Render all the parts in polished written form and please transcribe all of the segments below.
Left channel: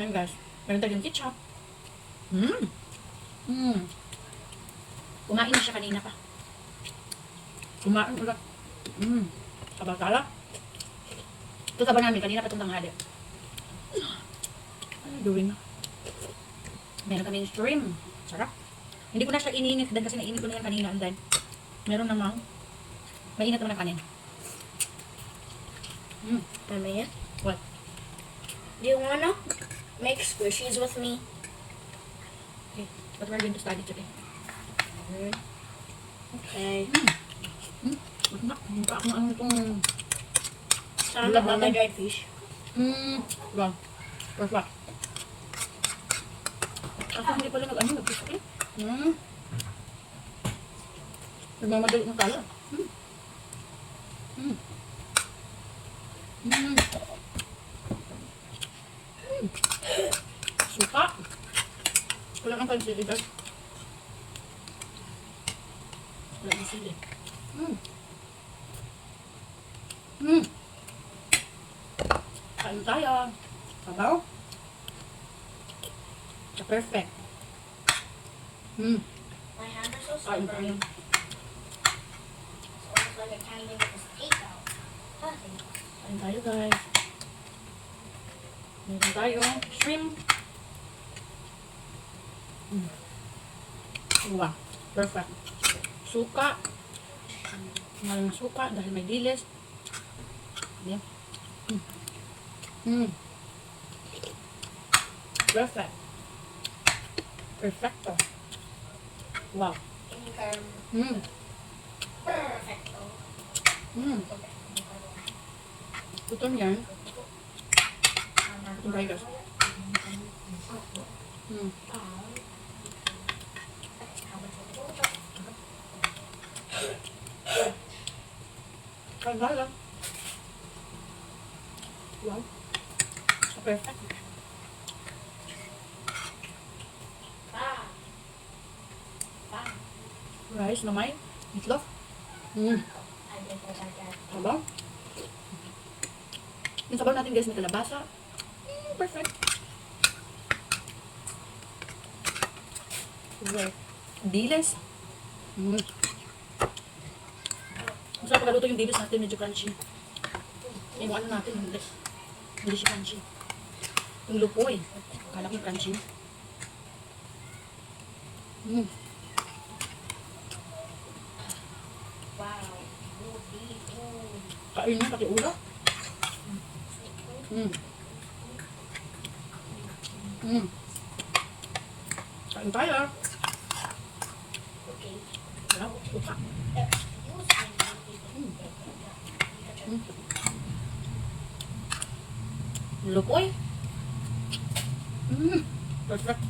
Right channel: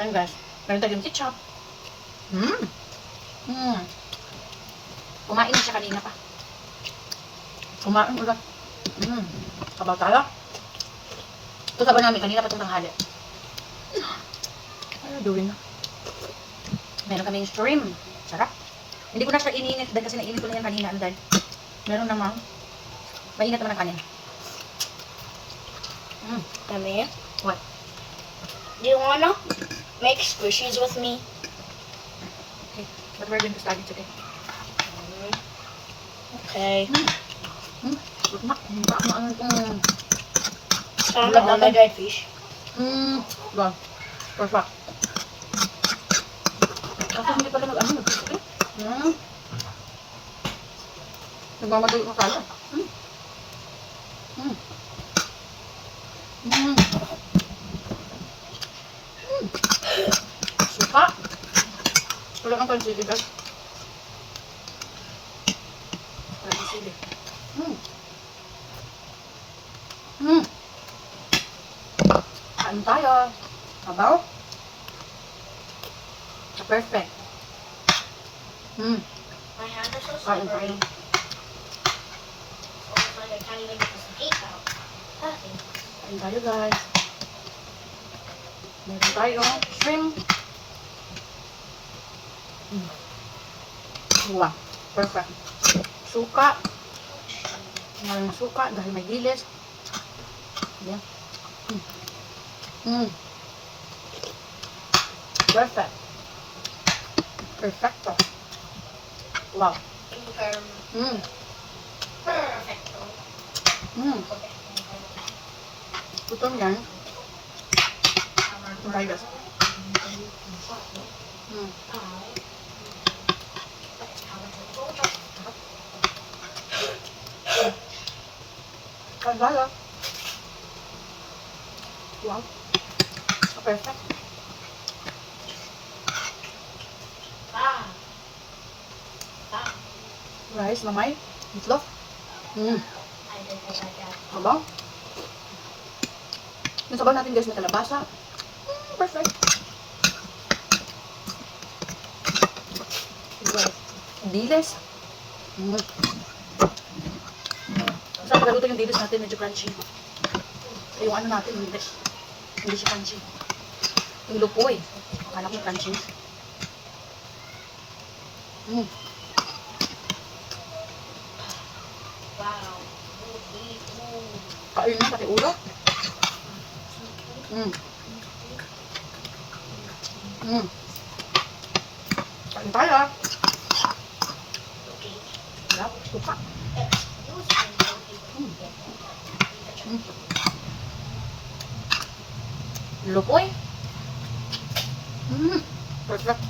Ayan guys. Meron tayong ketchup. Mmm. Mmm. Kumain na siya kanina pa. Kumain ulit. Mmm. Kabatala. Ito ka ba namin kanina pa itong tanghali? Ano gawin na? Meron kaming shrimp. Sarap. Hindi ko na siya iniinit dahil kasi nainit ko na yan kanina. Ano dahil? Meron namang mainit naman ang kanin. Mommy, What? do you wanna make squishies with me? Okay. What we're going to study today? Okay. Baka ano itong... I'm the dried fish. Wow. Perfect. Ako hindi pala nag-ano, nag-crispy. Nagmamadali na pala. Suka. Wala ang pansili, guys. Wala ang sili. Kain tayo. Abaw. Perfect. My hands are so Kain slippery. tayo. Almost like I can't even get this cake out. Kain tayo, guys. Meron tayong shrimp. Wow. Perfect. Suka. Maraming suka dahil may dilis. Yan. Perfect. Perfecto. Wow. Perfecto. Gutom yan. Try this. Kagala. Wow. Perfect. Rice na may itlog. Habang. Yung sabaw natin guys na kalabasa. Perfect. Diles. Masarap pagkaluto yung diles natin, medyo crunchy. Eh, yung ano natin, hindi. Hindi siya crunchy. Yung lupoy. Akala ko yung crunchy. Wow. Kain na pati ulo. Kain tayo ah. Okay. Sarap, suka. Lupoy. Perfect.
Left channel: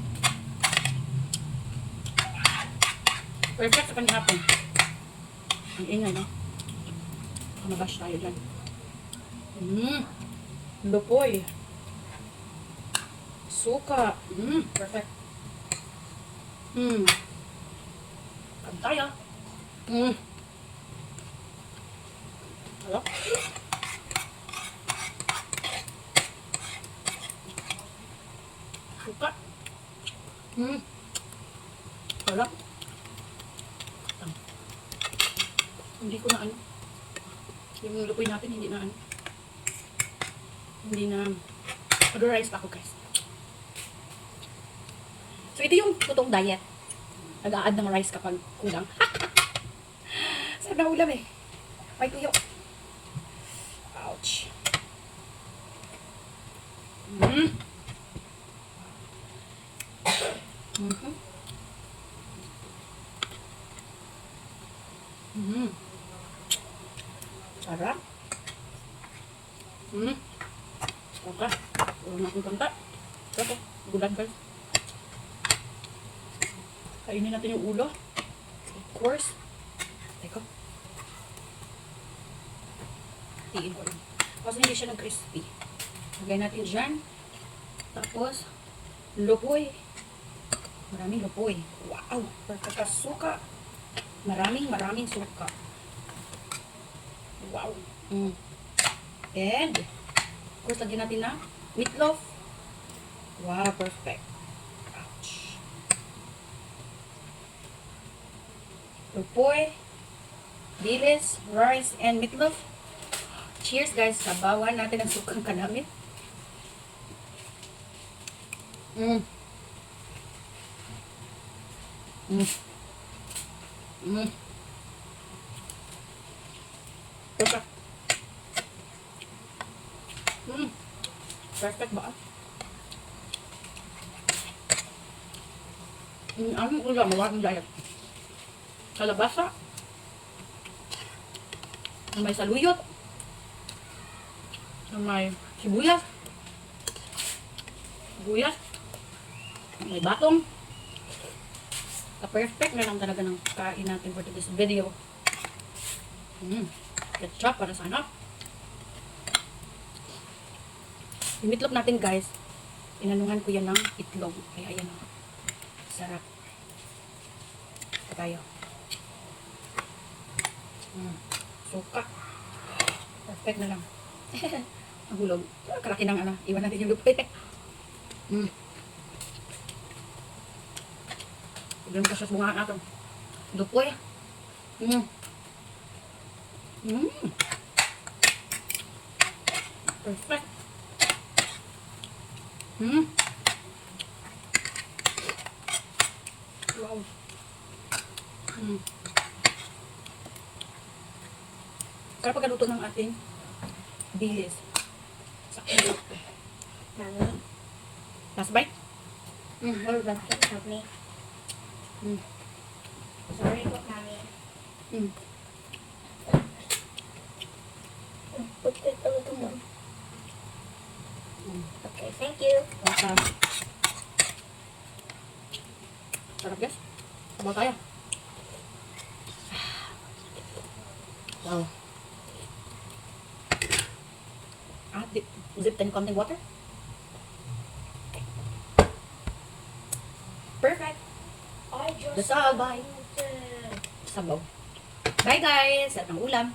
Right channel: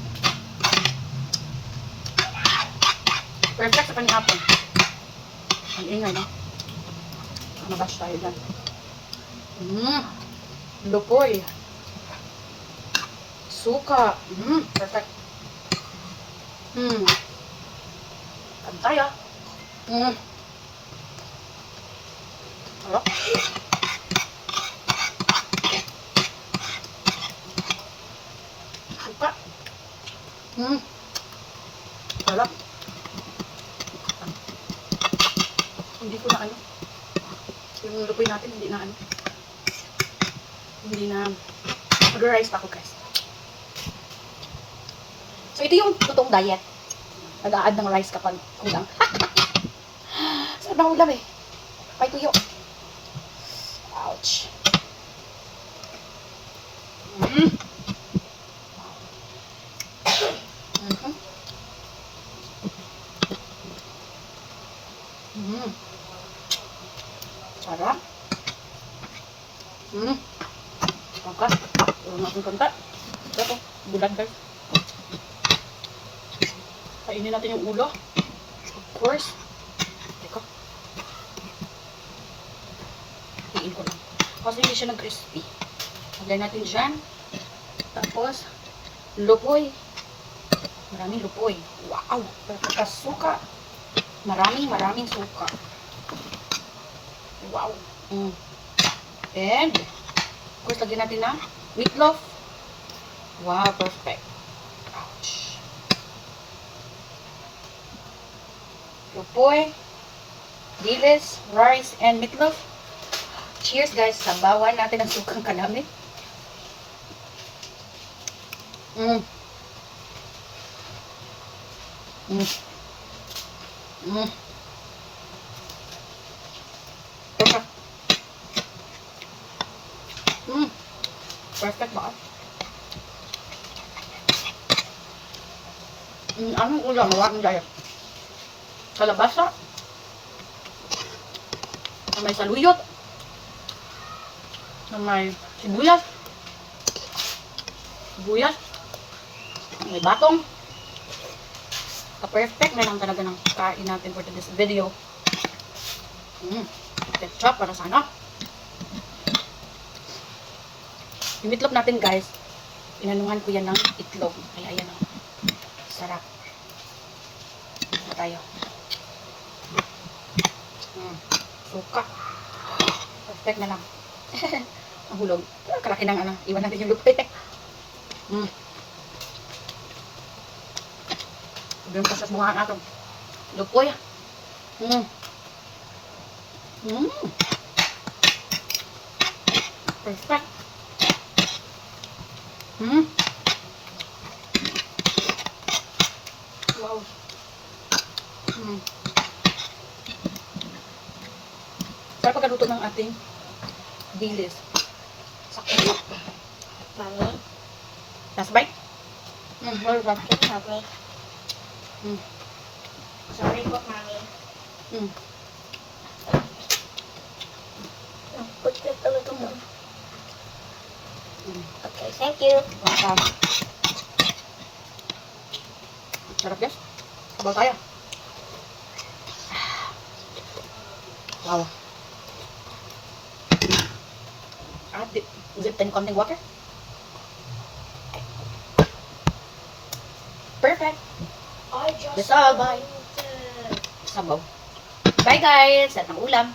Perfect sa panihapon. Ang ingay no? Mabash tayo dyan. Lupoy. Suka. Perfect. Kain tayo. Sarap. Suka. Sarap. Hindi ko na ano. Yung lupoy natin, hindi na ano. Hindi na. Mag-rice pa ako guys. So ito yung totoong diet. Nag-a-add ng rice kapag kulang. Sarap na ulam eh. May tuyo. Ouch. Sarap. Kanta. Tulong natin kanta. Ito, bulan guys. Kainin natin yung ulo. Of course. Teka. Tiin ko lang. Kasi hindi siya nag-crispy. Lagyan natin dyan. Tapos, lupoy. Maraming lupoy. Wow! Pagkasuka. Maraming suka. Wow. And, of course, lagyan natin na meatloaf. Wow, perfect. Ouch. Lupoy, dilis, rice, and meatloaf. Cheers guys, sabawan natin ang sukang kanami. Mm. Mm. Mm. Perfect. Mm. Perfect ba? Anong ulam? Mawakan dyan. Sa labasa. Na may saluyot. Na may sibuyas. Sibuyas. Na may batong. Ka-perfect na lang talaga ng kain natin for this video. Ketchup para sana. Yung itlog natin guys, inanuhan ko yan ng itlog. Kaya ayan o. Sarap. Ito tayo. Suka. Perfect na lang. Ang hulog. Kalaki ng ano. Iwan natin yung lupa. Ganun pa sa bunga natin. Lupoy. Perfect. Wow. Para pagkaluto ng ating dilis. Sakto. Mami. Last bite? Hold on. Mami. Sorry po, Mami. Put it a little more. Okay, thank you. Welcome. Sarap guys. Sabaw tayo. Wow. Is it 10 konting water? Perfect. I just Dissolve. Sabaw. Bye guys. At ng ulam.